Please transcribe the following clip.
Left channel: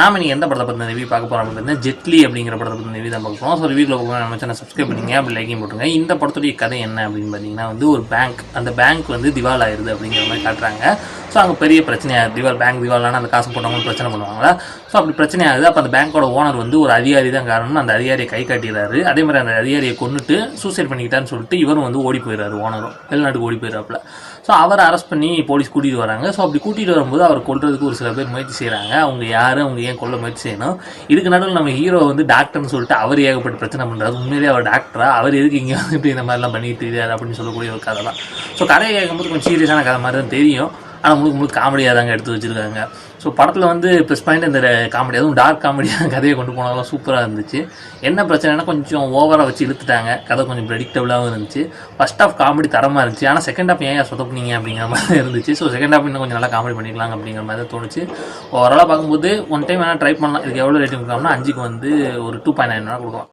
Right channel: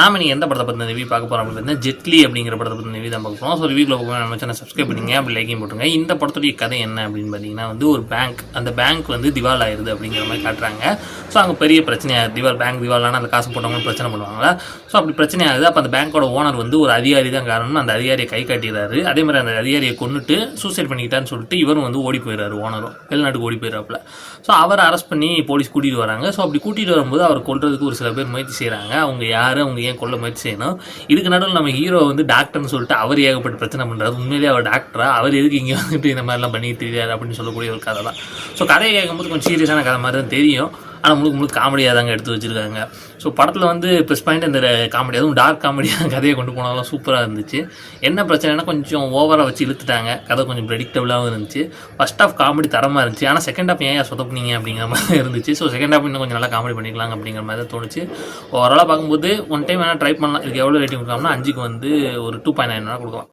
நாம நீங்கள் எந்த படத்தை பற்றி ரிவ்யூ பார்க்க போகிறோம் அப்படின்னா ஜெட்லி அப்படிங்கிற படத்தை பற்றி ரிவ்யூ தான் பார்க்க போகிறோம். ஸோ ரிவ்யூவில் போக நம்ம சேனல் சப்ஸ்கிரைப் பண்ணிங்க, அப்படி லைக்கையும் போட்டுங்க. இந்த படத்துடைய கதை என்ன அப்படின்னு பார்த்தீங்கன்னா ஒரு பேங்க், அந்த பேங்க் திவால் ஆயிடுது அப்படிங்கிற மாதிரி காட்டுறாங்க. ஸோ அங்கே பெரிய பிரச்சனையாக பேங்க் திவாலான அந்த காசு போட்டவங்க பிரச்சனை பண்ணுவாங்களா. ஸோ அப்படி பிரச்சனை ஆகுது. அப்போ அந்த பேங்க்கோட ஓனர் ஒரு அதிகாரி தான் காரணம். அந்த அதிகாரியை கை காட்டிடுறாரு. அதே மாதிரி அந்த அதிகாரியை கொண்டுட்டு சூசைட் பண்ணிக்கிட்டான்னு சொல்லிட்டு இவரும் ஓடி போயிடுறாரு. ஓனரும் வெளிநாட்டுக்கு ஓடி போயிடுறாப்புல. ஸோ அவரை அரெஸ்ட் பண்ணி போலீஸ் கூட்டிகிட்டு வராங்க. ஸோ அப்படி கூட்டிகிட்டு வரும்போது அவர் கொல்றதுக்கு ஒரு சில பேர் முயற்சி செய்கிறாங்க. அவங்க யார், அவங்க ஏன் கொல்ல முயற்சி செய்யணும். இதுக்கு நடுவில் நம்ம ஹீரோ டாக்டர்னு சொல்லிட்டு அவர் ஏகப்பட்டு பிரச்சனை பண்ணுறாரு. உண்மையிலேயே அவர் டாக்டரா, அவர் எதுக்கு இங்கே இந்த மாதிரிலாம் பண்ணிட்டு தெரியாது அப்படின்னு சொல்லக்கூடிய ஒரு கதை தான். ஸோ கதையை கேட்கும்போது கொஞ்சம் சீரியஸான கதை மாதிரி தான் தெரியும். ஆனால் முழுக்க காமெடியாக தாங்க எடுத்து வச்சுருக்காங்க. ஸோ படத்தில் ப்ளஸ் பாயிண்ட் இந்த காமெடி, அதுவும் டார்க் காமெடியாக கதையை கொண்டு போனாலும் சூப்பராக இருந்துச்சு. என்ன பிரச்சனைனா கொஞ்சம் ஓவராக வச்சு இழுத்துட்டாங்க. கதை கொஞ்சம் ப்ரெடிக்டபுளாகவும் இருந்துச்சு. ஃபர்ஸ்ட் ஆஃப் காமெடி தரமாக இருந்துச்சு. ஆனால் செகண்ட் ஆஃப் ஏன் சொதப்புனீங்க அப்படிங்கிற மாதிரி இருந்துச்சு. ஸோ செகண்ட் ஆஃப் இன்னும் கொஞ்சம் நல்லா காமெடி பண்ணிக்கலாம் அப்படிங்கிற மாதிரி தான் தோணுச்சு. ஓவராலாக பார்க்கும்போது ஒன் டைம் வேணால் ட்ரை பண்ணலாம். இதுக்கு எவ்வளோ ரேட்டிங் கொடுக்கலாம்னா 5க்கு ஒரு 2.9 கொடுக்கலாம்.